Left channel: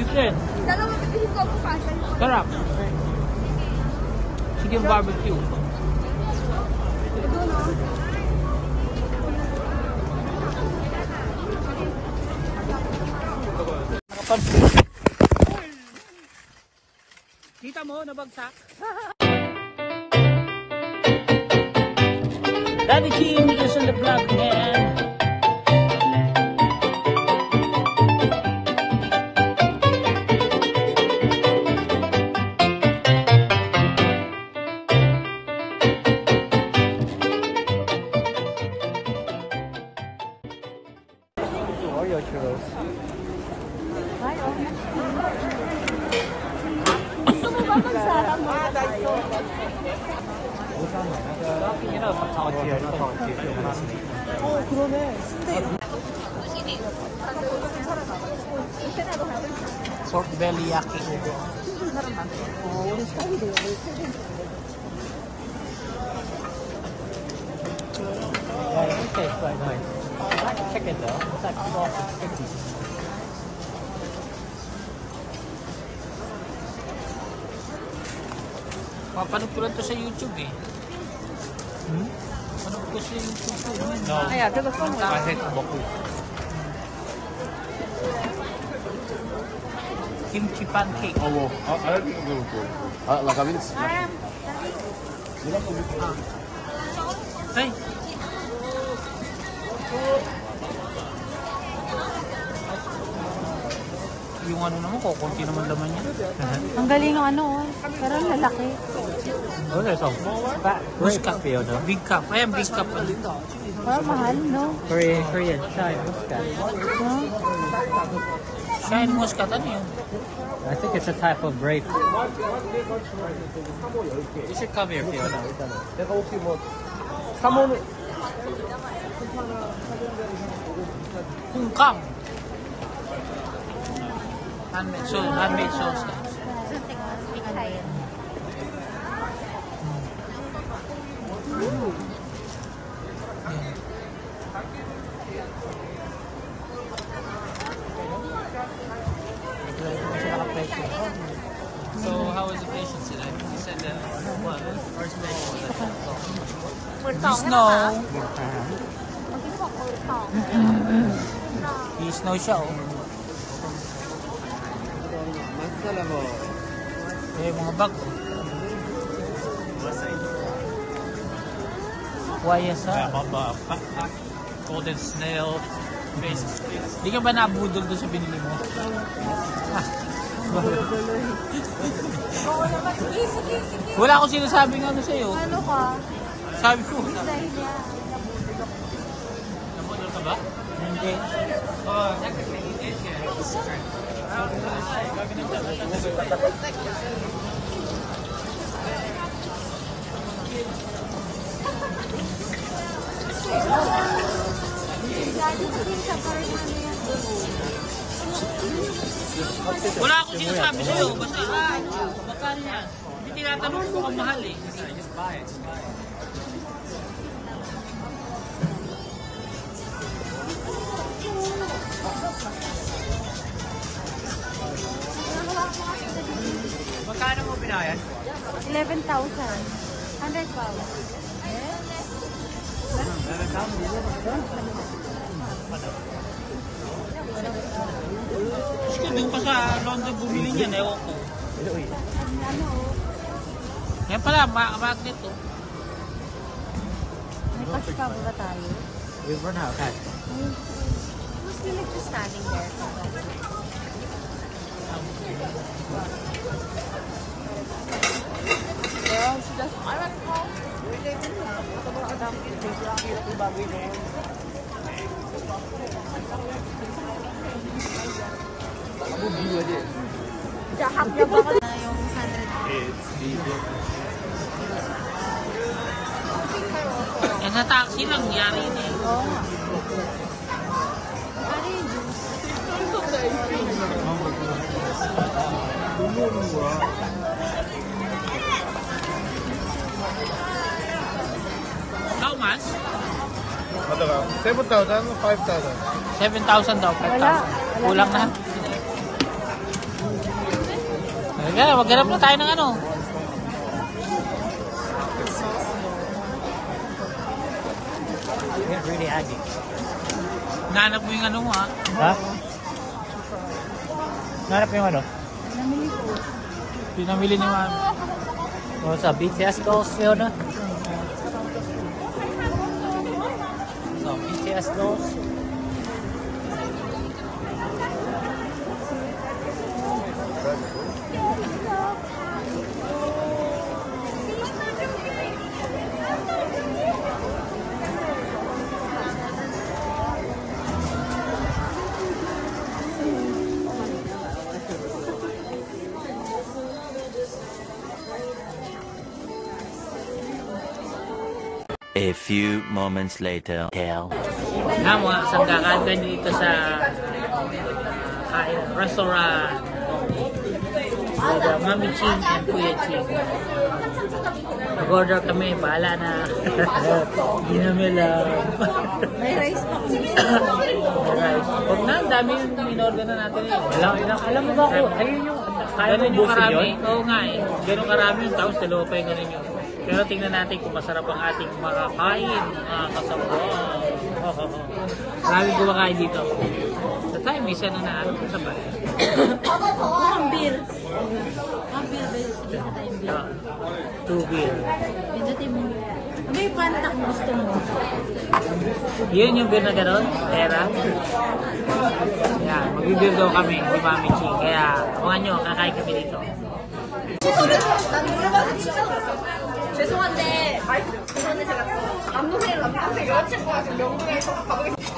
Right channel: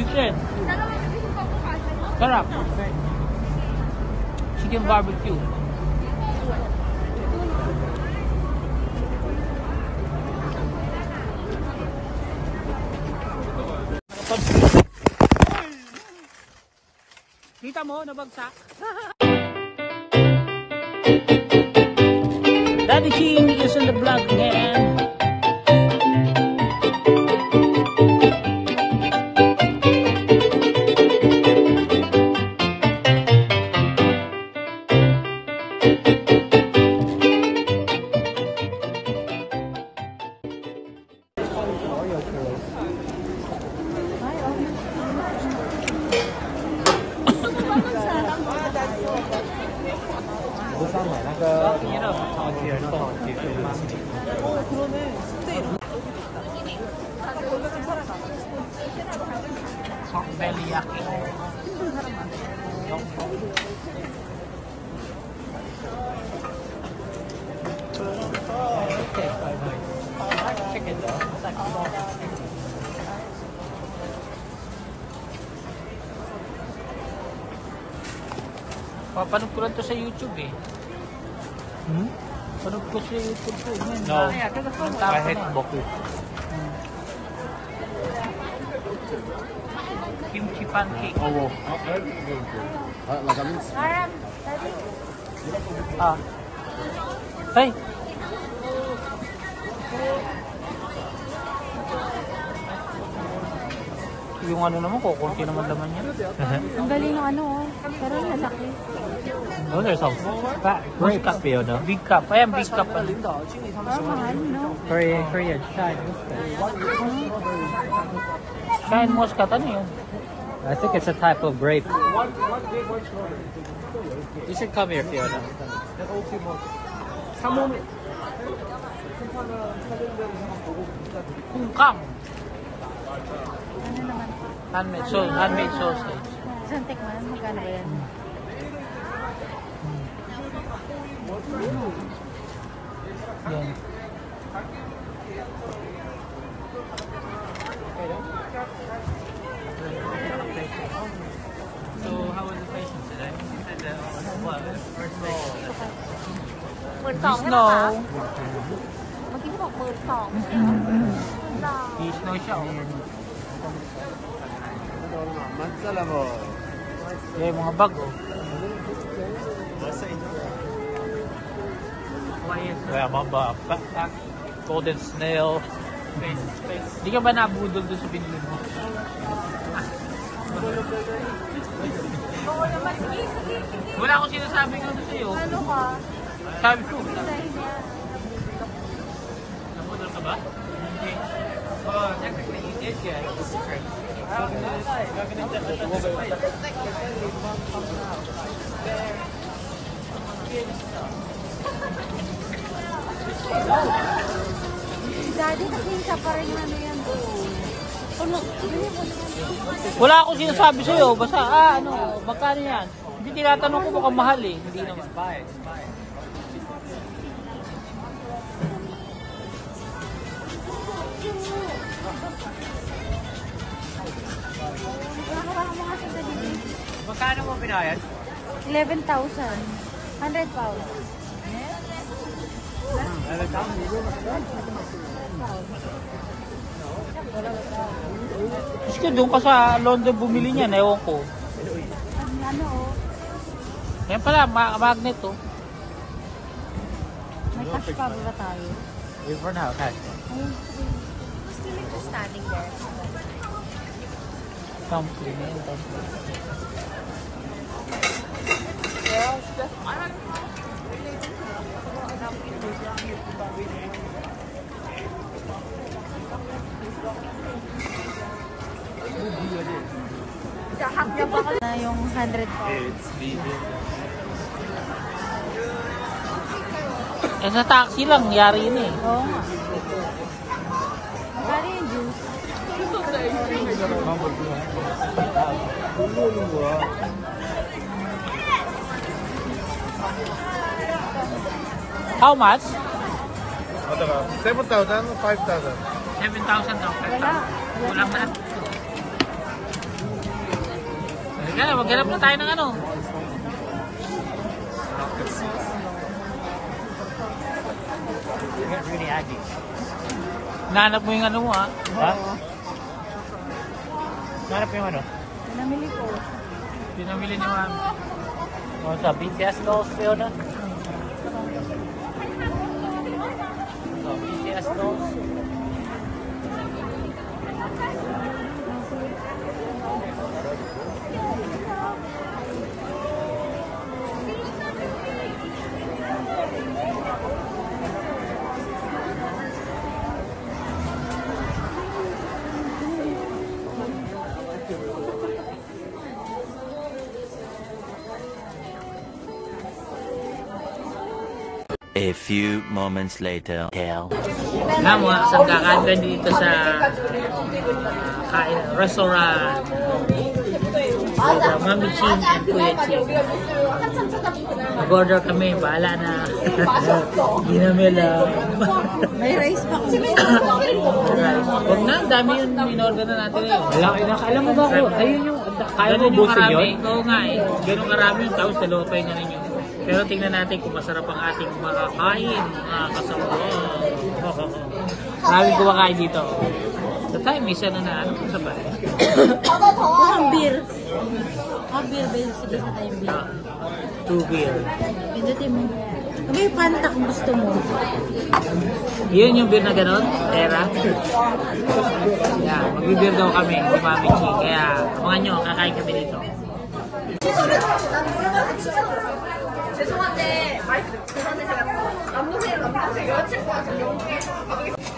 Chicken. Sarap. Chicken barbecue. Kita mo, nabagsak. Daddy King is on the vlog again. Pork belly yaki. Papanood ko lang to sa YouTube eh. Panood ko sa YouTube ko. Yan na. Ilang tao ko na. Kimchi pancake. Oh, like mince. Hey. Yung ano naman, kukunti naman laman yan. Ang galing ng ano, parang lalaki. Muscat. Big cup. Ayan, big cup. Ano? Mahal, no? Korean. Shine Muscat. Shine Muscat. Ano yun? I think it's a type of grape. You should come here, Fiona. Kungkang. Handmade sauce. Snow. Snow siya oh. Eh, mga bag oh. Wayasa. Golden snail. Face. Di ka ba nabudol doon sa binili mo? Wala akong sinasabing ano sa'yo. Sabi ko. Nabudol ka ba? Hindi. Wala akong sinasabi sa'yo. Basta, ano, magkano yan? Hindi tinatanong ko kung mahal eh. Hindi naman. Magkano mo binayan? 11,000. 100,000. Gusto doon ka sa London bumili niyan, ewan ko. Yan pala, magnet oh. May cash card ba tayo? For now, cash. Something. Eh sa taxi lang, nangyari yun. How much? 7,000, 5,000. 7,000 daw, 5,000. Kulang na. Kaya, maghanap na tayo ng ano. Nahanap mo yung ano mo, ha? Ha? Hanap ko yung ano? Namili ko. Pinamili ni Mami. Yung sa big desk ko siya na. A few moments later. Nga mo, saan kakain ka dito sa restaurant with Mami Ching and Kuya Ching. Mag-order kami, bahala na. Hindi namin alam. May rice pa kasi. Rice. Huwag na, dami yung in-order na natin eh. Alam mo ba ako? Ayun yung Ganun yung karami. Oo nga eh. Ganun karami yung tapos dalawa pa yung ganun yun. Pero tingnan natin kung masarap ang ating makakain, mga kasama. Maraming kumakain dito. Sa time, may isa na ano, sa ba? Ang beer. Ang beer ba yung sige ka tayong beer? 2 beer. Pindutin mo. May Fanta kung gusto mo. Yun yung beer na gano'n? Tera? Yan, mag-beer daw kami, ni Mami Chi. Kaya, abangan nyo, kakain kami dito. 죄송한데 제가 남동생 여자친구 같은 명동에 가보겠습니다.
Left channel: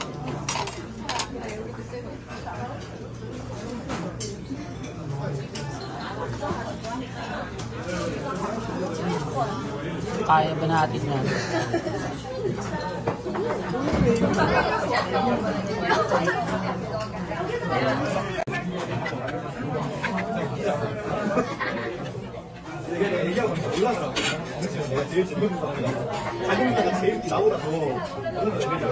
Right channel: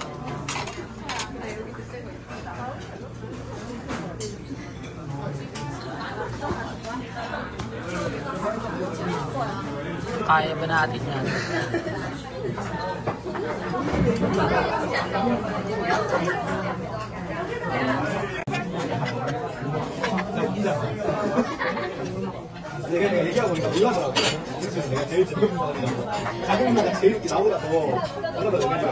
Kaya ba natin yan? 가격마다 제일 나오라고 하나도 내밀려.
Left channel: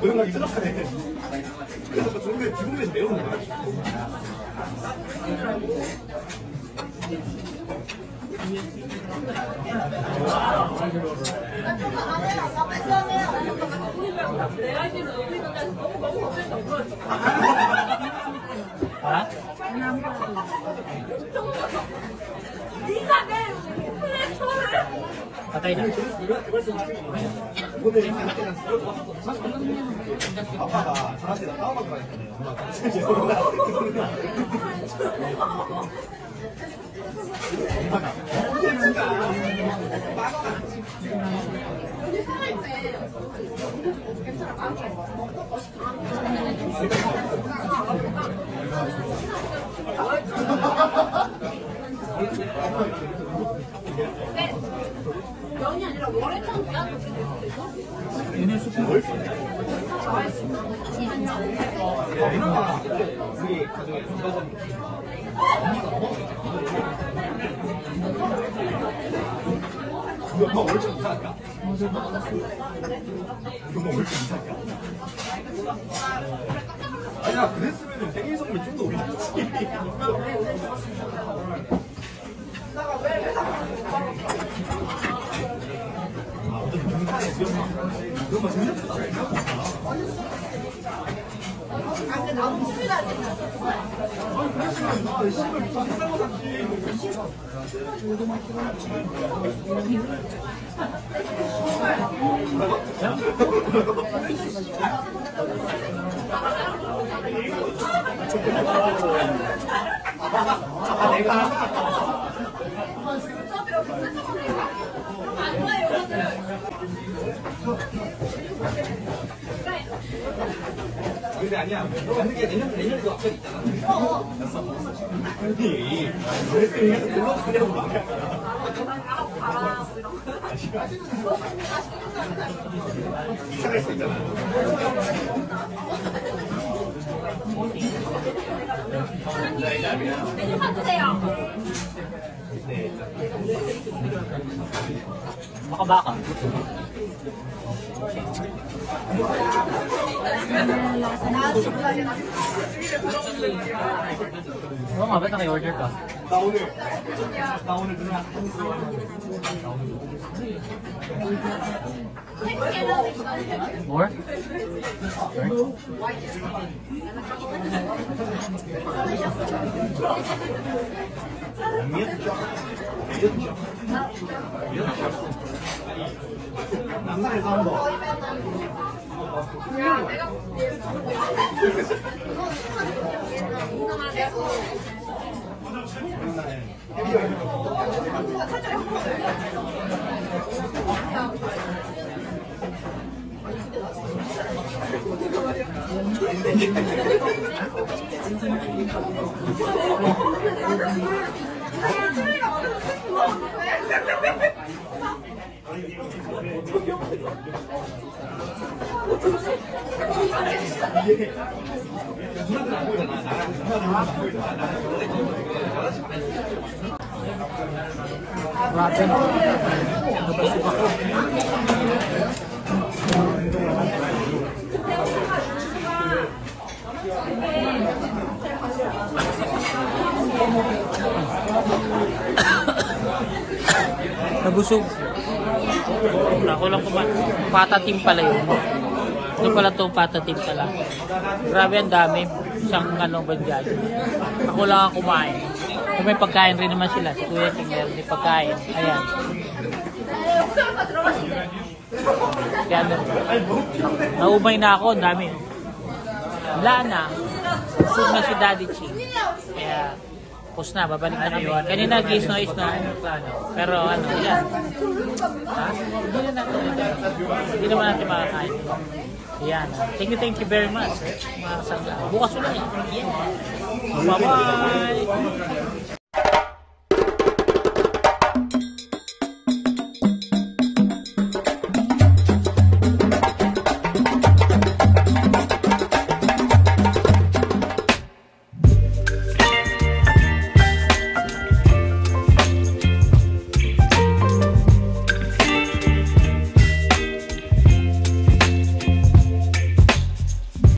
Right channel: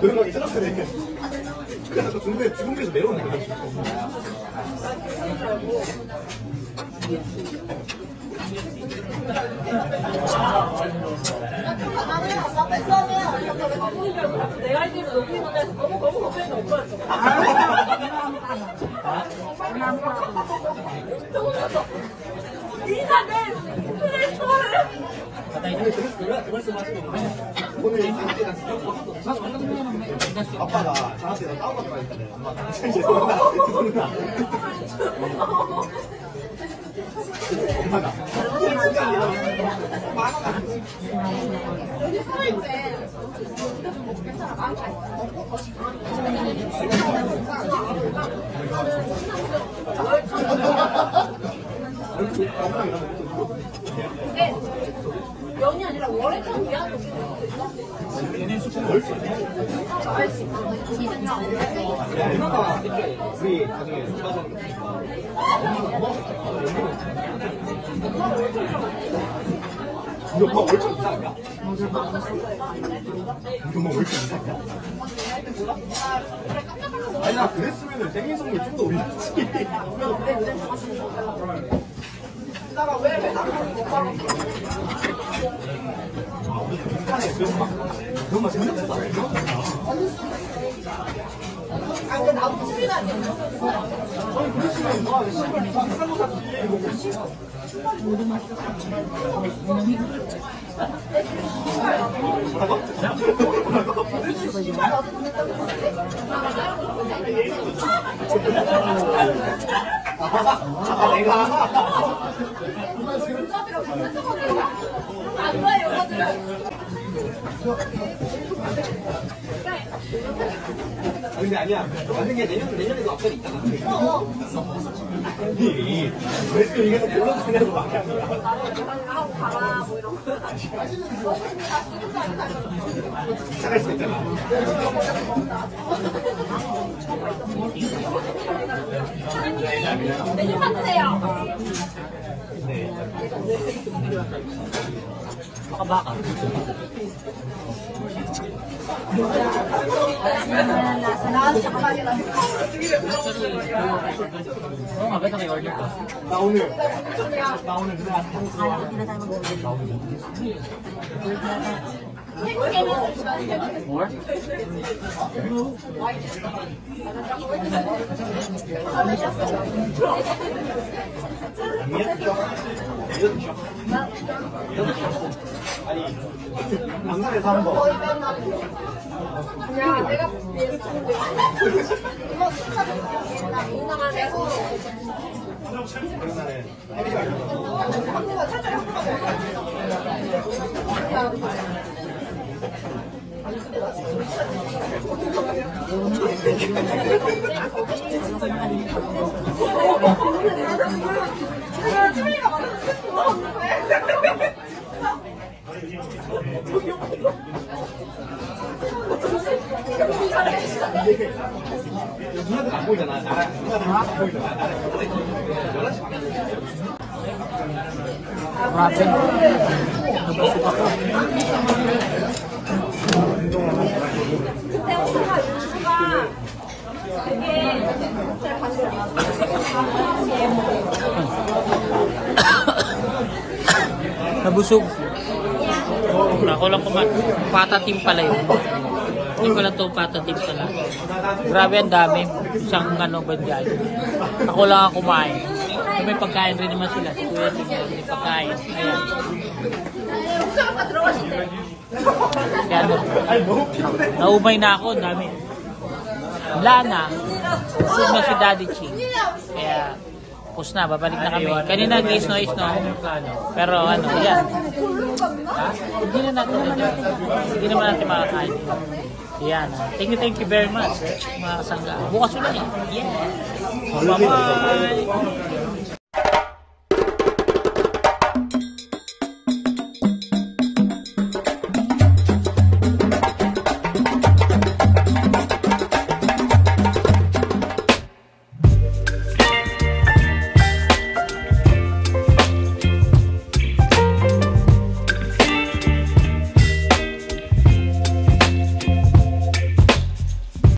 그런 거 생각하네. 그래서 중국에서 내려오는 거야. 아빠가 저한테 다운받고 가니까 엄마가 면이 아니라 월요일이야. 이거 얼추 이상하냐? 이거 얼추 이상하냐? 아니 나 그랬으면 생일 선물 좀 더 올렸지. 안 좋아요, 이거들은. 근데 아니야. 하는 게 내년에도 앞에 있잖아. 아니, 왜 이게 또 불러주냐고 말이야. 하고 가라, 뭐 이런 거. 잘할 수 있잖아. 메뉴만 주세요. Baka. Oo nga, ba't naki-order ka? 나 오늘 누나. Or? 남산에서 한 번. 야, 내가 이거 누나만 해서. 누나들 안 보이잖아. 나랑 누나들 안 보이잖아. 나랑 Grabe. Nabusog ako. Nabusog. Ako lang patatim pala yun. Hindi pala ito patatim pala. Grabe, ang dami. Isang ba dyan. Ako lang ang kumain. May pagkain rin naman sila. Kuya, may pagkain. Ayan. Kaya naumay na ako. Ang dami. Wala na. Busog na si Daddy Ching. Kaya, pus na. Babalik na kami. Kanina gisno. Pero yan. Hindi naman natin makakain. Yan. Thank you very much. Mga kasangga. Bukas ulit. Yeah. Bye-bye.